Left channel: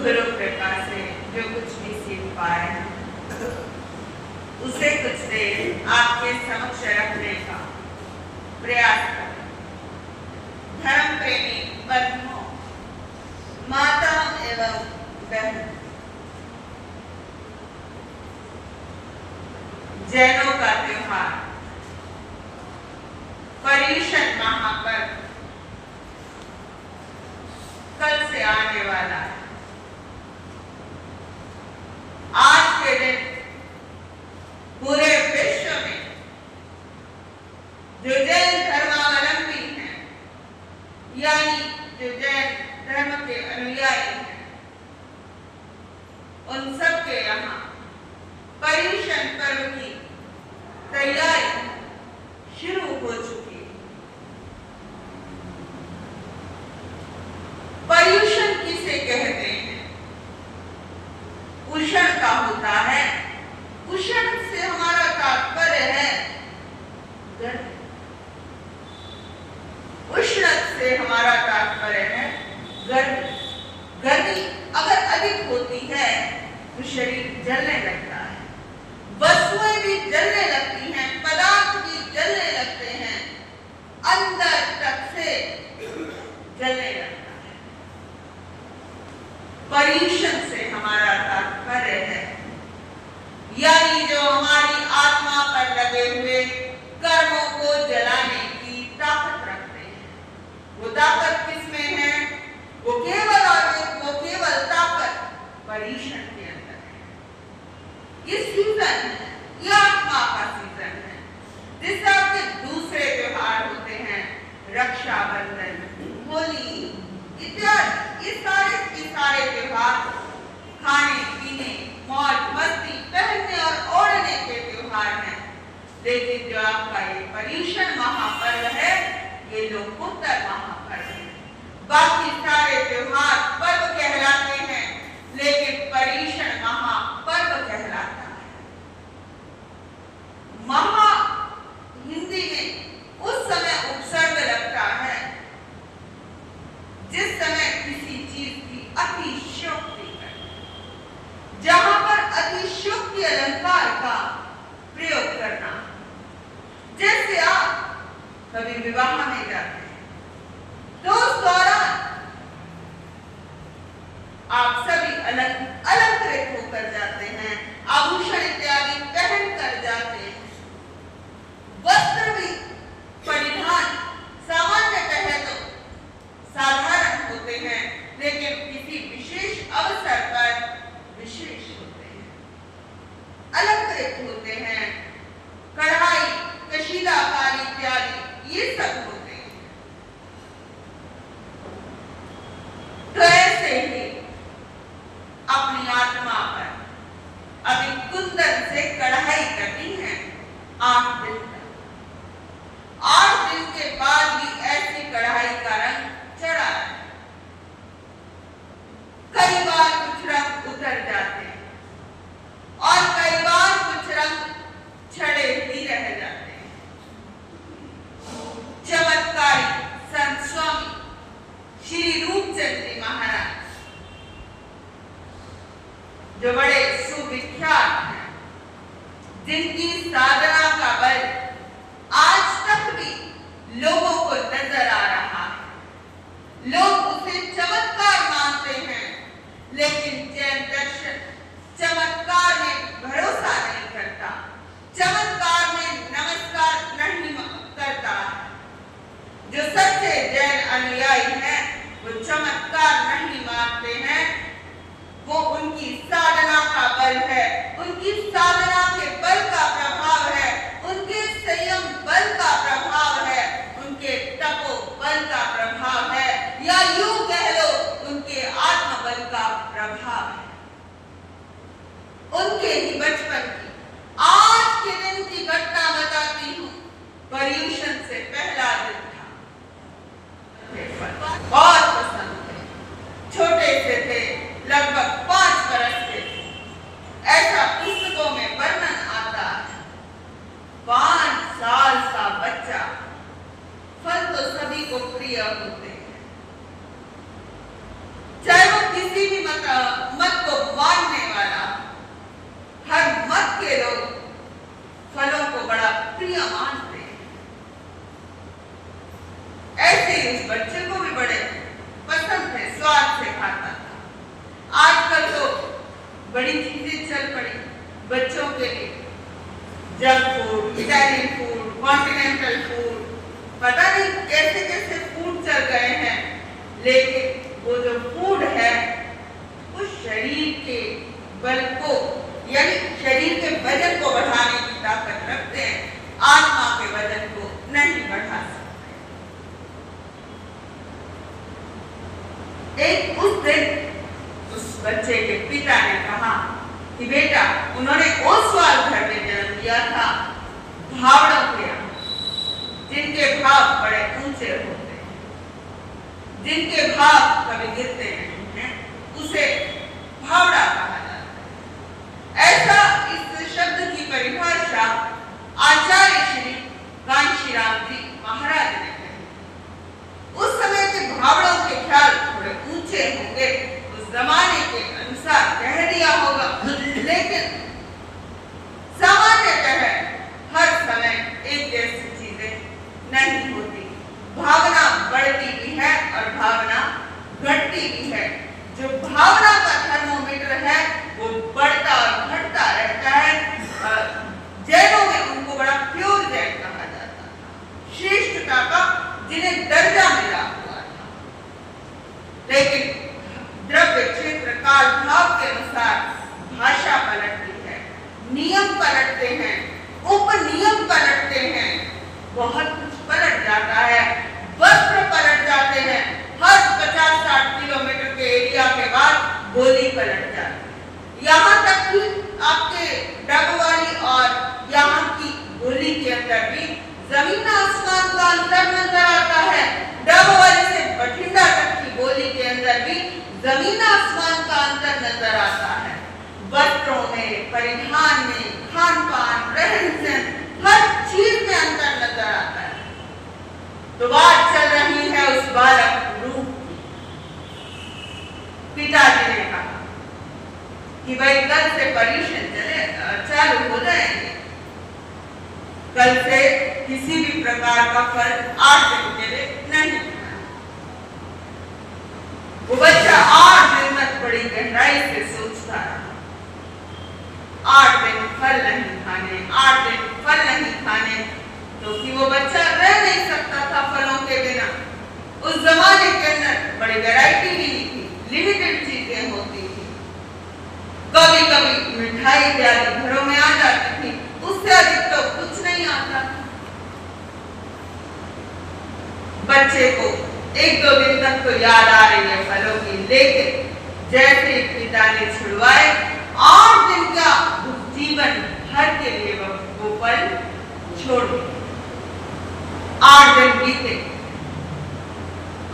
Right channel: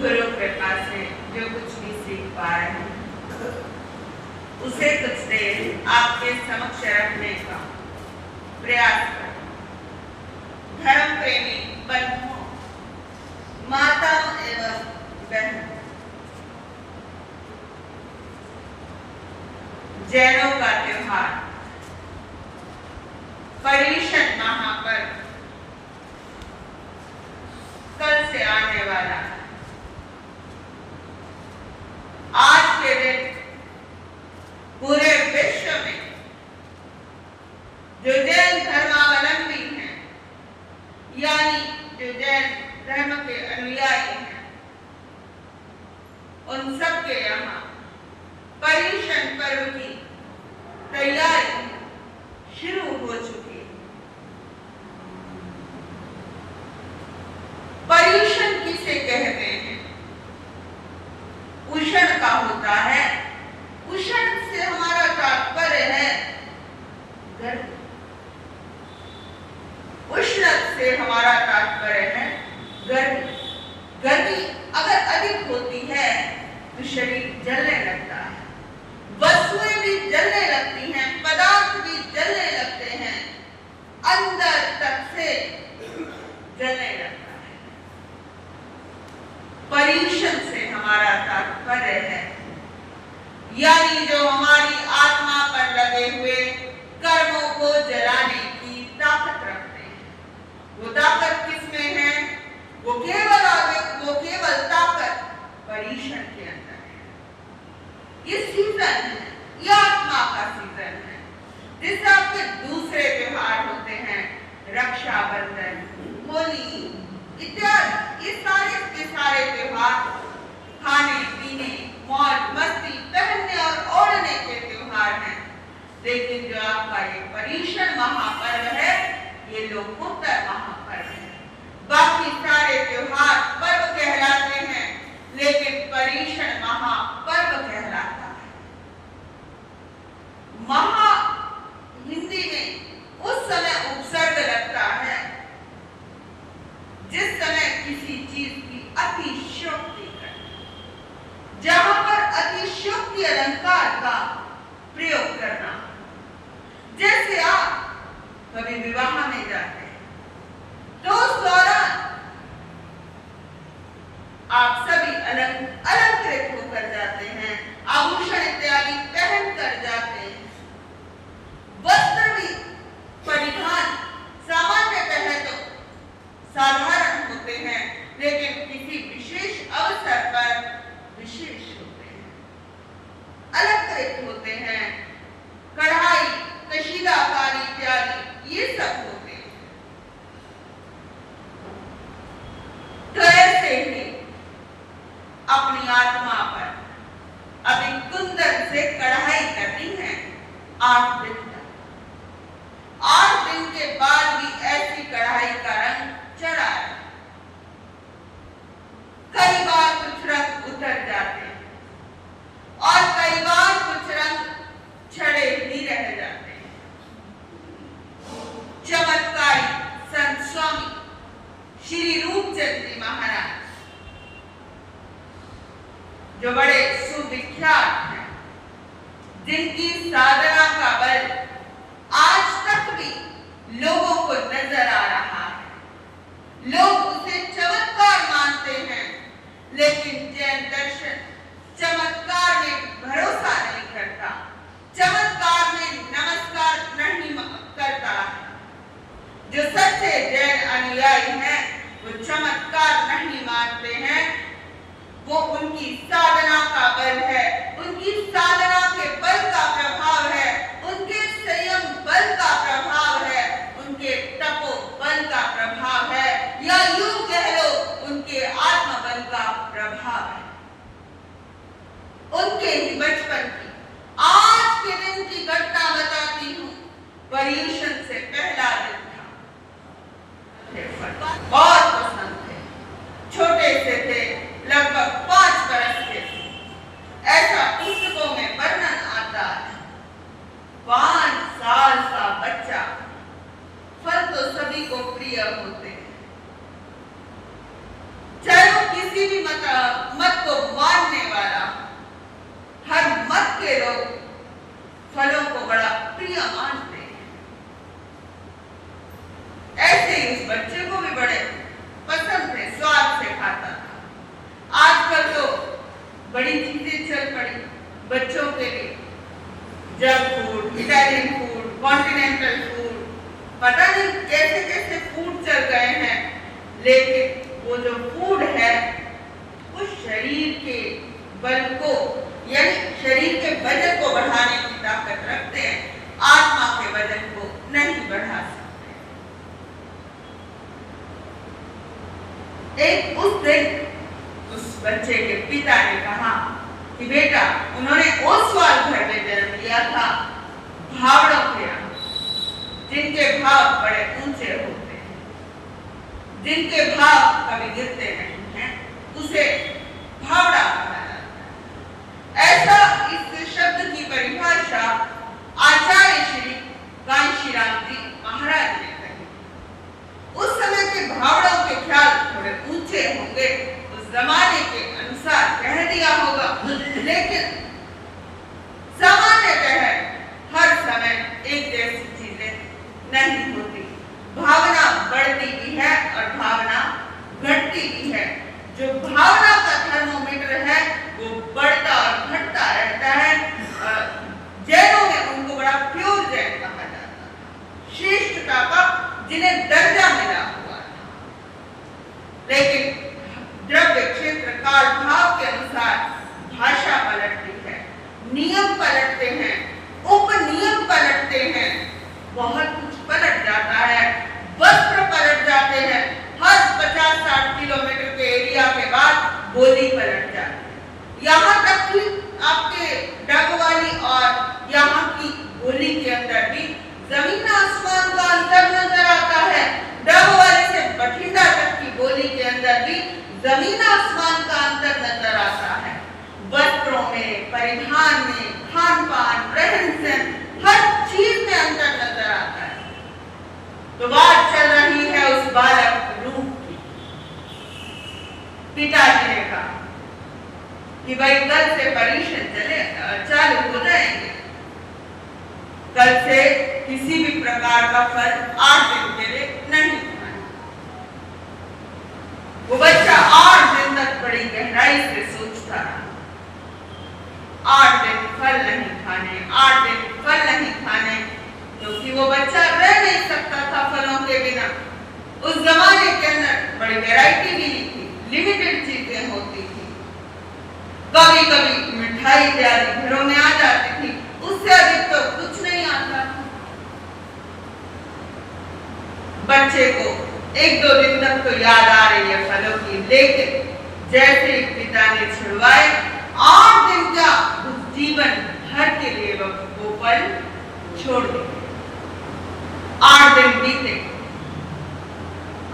गुरु कृपा से जो कुछ भी सीख पा रहे हैं उसे कुछ देर आपके समक्ष रखने का प्रयास करें। धर्म प्रेमी बंधुओं, माता एवं बहन, जैनों का त्योहार पर्युषण महापर्व कल से आने वाला है। आज के दिन पूरे विश्व में जो जैन धर्मावलंबी हैं, यानी जो जैन धर्म के अनुयायी हैं, उन सब के यहाँ पर्युषण पर्व की तैयारी शुरू हो चुकी है। पर्युषण किसे कहते हैं? उषण का होता है। उषण से हमारा तात्पर्य है गर्मी। उष्ण से हमारा तात्पर्य है गर्मी। गर्मी अगर अधिक होती है तो शरीर जलने लगता है, वस्तुएं भी जलने लगती हैं, पदार्थ भी जलने लगते हैं, अंदर तक से जलने लगता है। पर्युषण से हमारा तात्पर्य है यानी जो हमारी आत्मा पर लगे हुए कर्मों को जलाने की ताकत रखते हैं। वो ताकत किसमें है? वो केवल ताकत पर्युषण के अंदर है। ये सीजन है, ये आत्मा का सीजन है। जिस आपके दूसरे त्योहार होते हैं, रक्षाबंधन, होली इत्यादि, ये सारे के सारे त्योहार खाने पीने, मौज मस्ती, पहनने और ओढ़ने के त्योहार हैं। लेकिन जो आपका ये पर्युषण महापर्व है, ये लोकोत्तर महापर्व है। बाकी सारे त्योहार पर्व कहलाते हैं, लेकिन पर्युषण महापर्व कहलाता है। महा हिंदी में उस समय उपसर्ग लगता है जिस समय किसी चीज की अतिशयोक्ति करना, जहां पर अतिशयोक्ति अलंकार का प्रयोग करना। जैसे आप कभी विवाह में जाते हैं तो उस दौरान आप सभी अलंकृत होकर जाते हैं, आभूषण इत्यादि पहन कर जाते हैं। वस्त्र भी परिधान सामान्यतः तो साधारण होते हैं, लेकिन किसी विशेष अवसर पर विशेष होते हैं, अलंकृत होते हैं। कढ़ाई, कशीदाकारी इत्यादि ये सब होते हैं। तो ऐसे ही अपनी आत्मा पर अभी कुंदन से कढ़ाई करनी है 8 दिन तक। 8 दिन के बाद भी ऐसी कढ़ाई का रंग चढ़ा है। कई बार कुछ रंग उतर जाते हैं और कई बार कुछ रंग छड़े ही रह जाते हैं। चमत्कारी संत स्वामी श्री रूपचंद जी महाराज, जो बड़े सुविख्यात हैं, जिनकी साधना का बल आज तक भी लोगों को नजर आ रहा है। लोग उसे चमत्कार मानते हैं, लेकिन जैन दर्शन चमत्कार में भरोसा नहीं करता, चमत्कार में नमस्कार नहीं करता। जो सच्चे जैन अनुयायी हैं, वो चमत्कार नहीं मानते हैं। वो उनकी साधना का बल है, उनकी साधना के बल का प्रभाव है, उनके संयम बल का प्रभाव है, उनके तपो बल का प्रभाव है, या यूं कह लो उनके आत्मबल का प्रभाव है। उनके ही बचपन की आज के दिन की घटना बताती हूँ। पर्युषण से पहला दिन था, बहुत पसंद थे, छोटे से थे, लगभग 5 बरस के थे। ऐसा पुस्तकों में वर्णन आता है। 5 साल का बच्चा, फल तो सभी को प्रिय होते हैं, चाहे वो किसी भी बच्चों के लिए junk food, Italian food, continental food, पता नहीं कैसे कैसे फूड चल गए हैं, लेकिन वो जो फूड है वो शरीर के बल को यानी शरीर के वजन को बढ़ाने की ताकत रखते हैं, आत्मा के वजन को नहीं बढ़ा सकते। एक उस दिन उस बच्चे के पिता ने कहा कि बेटा, उन्होंने ओसवाल घर में जन्म लिया था, भावड़ों के यहाँ, जिनके भाव बड़े ऊंचे होते हैं, जिनके भाव कभी गिरते नहीं हैं, उसे भावड़ा कहा जाता है। ऐसा इस शब्द की परिभाषा आचार्य श्री कांशीराम जी महाराज ने कही। उस समय के भावड़ों के ख्याल थोड़े ऊंचे होंगे, उस जमाने के अनुसार कह दिया होगा, लेकिन सामान्यतः हर समय एक जैसी चीजें नहीं होती। भावना बढ़ती भी है और भावना घटती भी है। जो भावना का थर्मोमीटर है वो बढ़ता और घटता रहता है। जैनों में उनको बड़ा प्योर जैन कहा जाता है, श्रेष्ठता का जिन्हें दर्जा मिला हुआ था। लेकिन द्रव्य क्षेत्र काल भाव के अनुसार भाषा पलटती है, नियम पलटते हैं, उपनियम पलटते हैं, बहुत कुछ पलट जाता है, वस्त्र पलट जाते हैं। हर 50-60 किलोमीटर के एरिया के बाद बोली पलट जाती है। यहाँ तक कि आपके डगवाली और यहाँ की बोली के अंदर भी जमीन आसमान का अंतर नजर आता है। डगवाली से बठिंडा तक की बोली के अंदर भी जमीन आसमान का अंतर नजर आता है। वस्त्रों में, परिधान में, खान पान, रहन सहन, हर चीज में अंतर नजर आता है। तो बात चल रही है उस बालक रूप की। पिताजी ने कहा कि भाई कल से परीक्षण चालू हो जाएंगे, कल से किसी भी प्रकार का फल 8 दिन के लिए नहीं खाना। वो बच्चा 8 दिन तक बड़ी गहराई से सोचता रहा। 8 दिन फल नहीं खाने, 8 दिन फल नहीं खाने, क्योंकि वो बच्चा रह नहीं सकता था फलों के बिना। उस जमाने के अंदर बड़ी वैरायटी भी नहीं थी, लिमिटेड चीजें होती थी। कभी कभी मिठाई इत्यादि घरों में आ जाती थी, उससे अधिक तो कुछ नहीं आता था। बच्चे को 1-2 दिन तक तो याद आ रही है फलों की, लेकिन जैसे ही पिता ने छुड़वाए, 8 दिन का जीवन भर के लिए वो फल छोड़ दिया। 8 दिन बीते।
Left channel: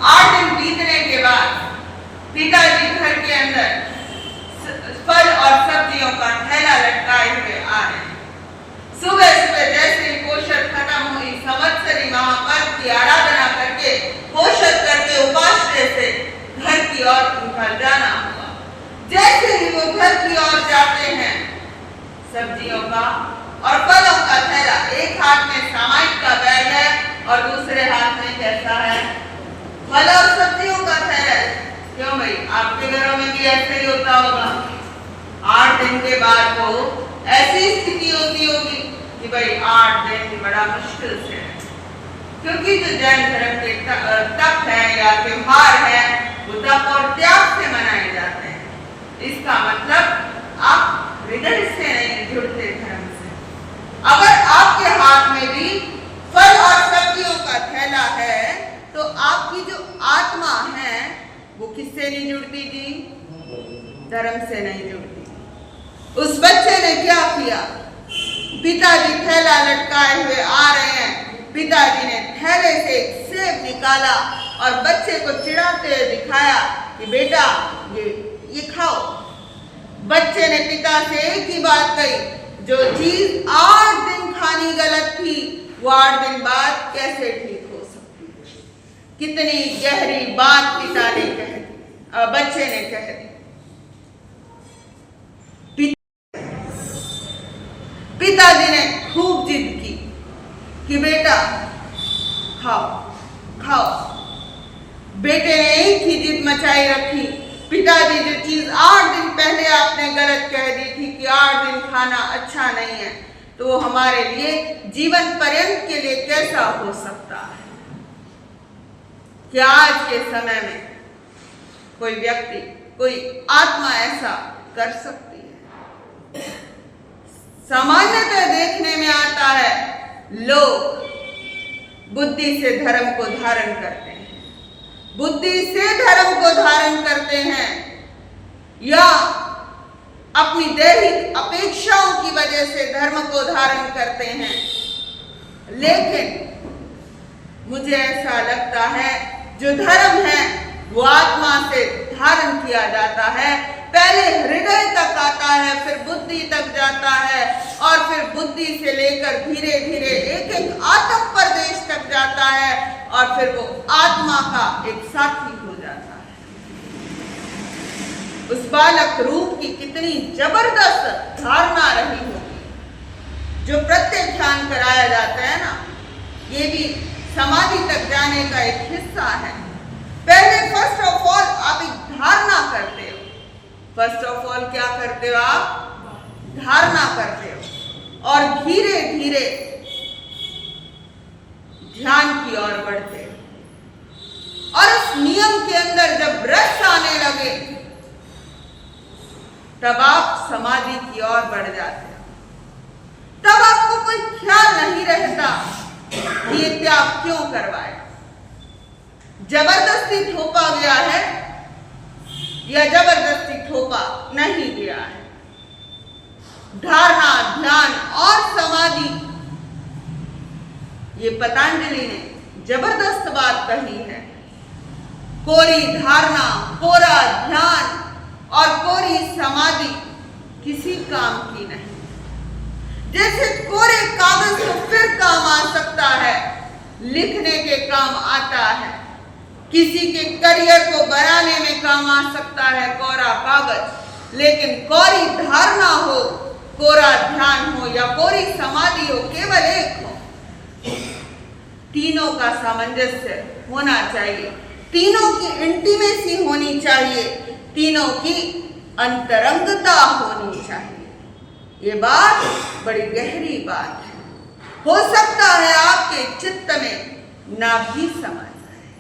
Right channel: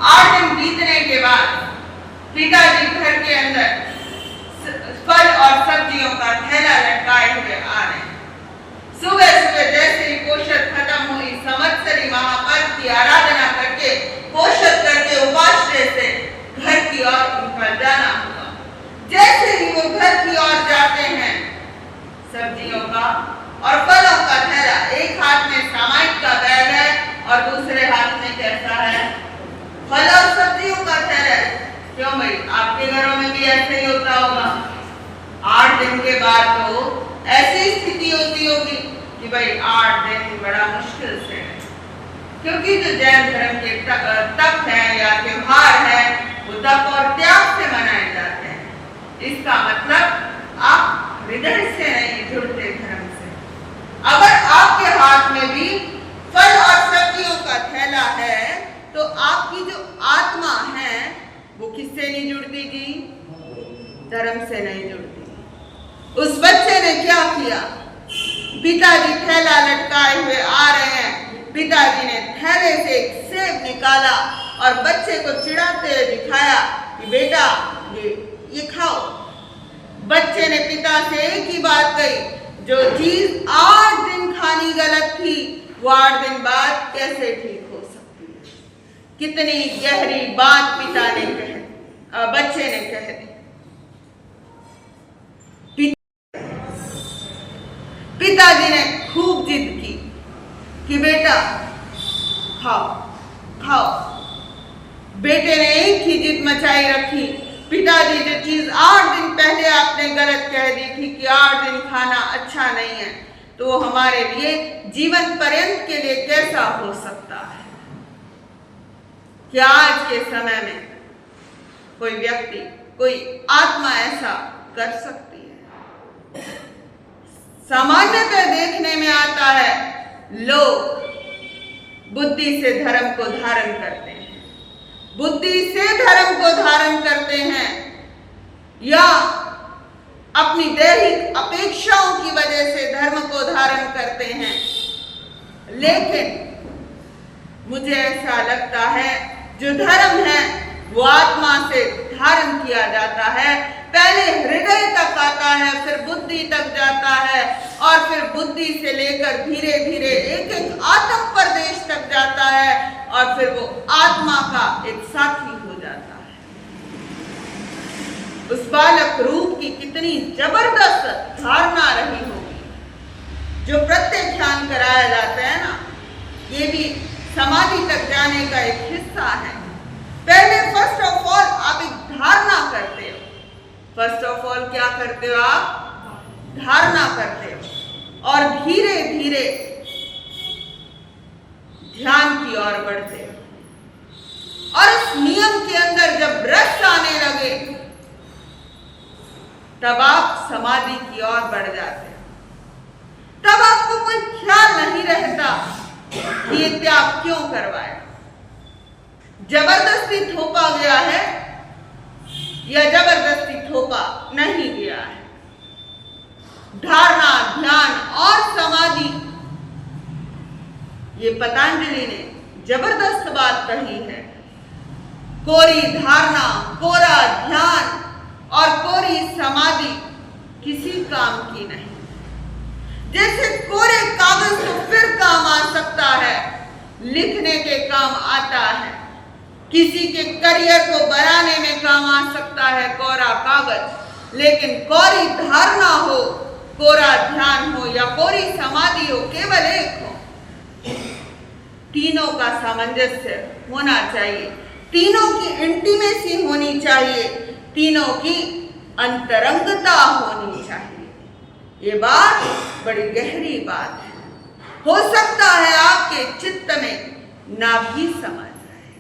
8 दिन बीतने के बाद पिताजी घर के अंदर फल और सब्जियों का थैला लटकाए हुए आ रहे हैं। सुबह सुबह जैसे ही पोषक खत्म हुई, संवत्सरी महापर्व की आराधना करके, पोषक करके उपाश्रय से घर की ओर उनका जाना हुआ। जैसे ही वो घर की ओर जाते हैं, सब्जियों का और फलों का थैला, एक हाथ में सामायिक का बैग है और दूसरे हाथ में कैसा है, फल और सब्जियों का थैला है। क्यों भाई, आपके घरों में भी ऐसे ही होता होगा। 8 दिन के बाद तो ऐसी स्थिति होती होगी कि भाई 8 दिन बड़ा मुश्किल से है, क्योंकि जो जैन धर्म के तप है या त्योहार है वो तप और त्याग से मनाए जाते हैं। इसका मतलब आप हृदय से नहीं जुड़ते धर्म से। अगर आपके हाथ में भी फल और सब्जियों का थैला है तो आपकी जो आत्मा है वो किससे नहीं जुड़ती जी? धर्म से नहीं जुड़ती। उस बच्चे ने क्या किया? पिताजी थैला लटकाए हुए आ रहे हैं, पिताजी ने थैले से एक सेब निकाला और बच्चे को चिढ़ाते हुए दिखाया कि बेटा ये खाओ। बच्चे ने पिता से एक ही बात कही, जो चीज 8 दिन खानी गलत थी वो 8 दिन बाद कैसे ठीक हो सकती है? कितनी गहरी बात पिता ने कह दी, बच्चे ने कह दी। पिताजी ने खूब जिद की कि बेटा खाओ खाओ। बेटे ने एक ही जिद मचाई रखी, पिताजी जो चीज 8 दिन पहले आपने गलत कह दी थी कि 8 दिन खाना अच्छा नहीं है, तो वो हमारे लिए जीवन पर्यंत के लिए कैसा हो सकता है? क्या आज के समय में कोई व्यक्ति, कोई आत्मा ऐसा कर सकती है? सामान्यतः देखने में आता है लोग बुद्धि से धर्म को धारण करते हैं, बुद्धि से धर्म को धारण करते हैं, या अपनी दैहिक अपेक्षाओं की वजह से धर्म को धारण करते हैं। लेकिन मुझे ऐसा लगता है जो धर्म है वो आत्मा से धारण किया जाता है, पहले हृदय तक आता है, फिर बुद्धि तक जाता है, और फिर बुद्धि से लेकर धीरे धीरे एक एक आत्म प्रदेश तक जाता है, और फिर वो आत्मा का एक साथी हो जाता है। उस बालक रूप की कितनी जबरदस्त धारणा रही होगी। जो प्रत्यक्ष ध्यान कराया जाता है ना, ये भी समाधि तक जाने का एक हिस्सा है। पहले फर्स्ट ऑफ ऑल आप एक धारणा करते हो। फर्स्ट ऑफ ऑल क्या करते हो? आप धारणा करते हो, और धीरे धीरे ध्यान की ओर बढ़ते हो। और इस नियम के अंदर जब रस आने लगे तब आप समाधि की ओर बढ़ जाते हो। तब आपको कोई ख्याल नहीं रहता कि ये त्याग क्यों करवाया, जबरदस्ती थोपा गया है या जबरदस्ती थोपा नहीं गया है। धारणा, ध्यान और समाधि, ये पतंजलि ने जबरदस्त बात कही है। कोरी धारणा, कोरा ध्यान और कोरी समाधि किसी काम की नहीं। जैसे कोरे कागज तो फिर काम आ सकता है, लिखने के काम आता है, किसी के करियर को बनाने में काम आ सकता है कोरा कागज, लेकिन कोरी धारणा हो, कोरा ध्यान हो या कोरी समाधि हो, केवल एक हो। तीनों का सामंजस्य होना चाहिए, तीनों की इंटीमेसी होनी चाहिए, तीनों की अंतरंगता होनी चाहिए। ये बात बड़ी गहरी बात है। हो सकता है आपके चित्त में ना भी समझ आए,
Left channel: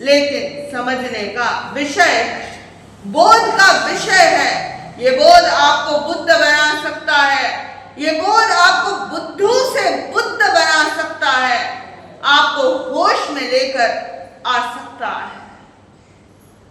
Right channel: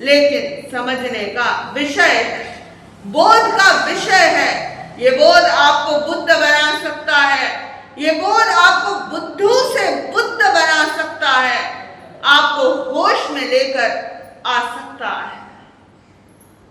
लेकिन समझने का विषय है, बोध का विषय है। ये बोध आपको बुद्ध बना सकता है, ये बोध आपको बुद्धू से बुद्ध बना सकता है, आपको होश में लेकर आ सकता है।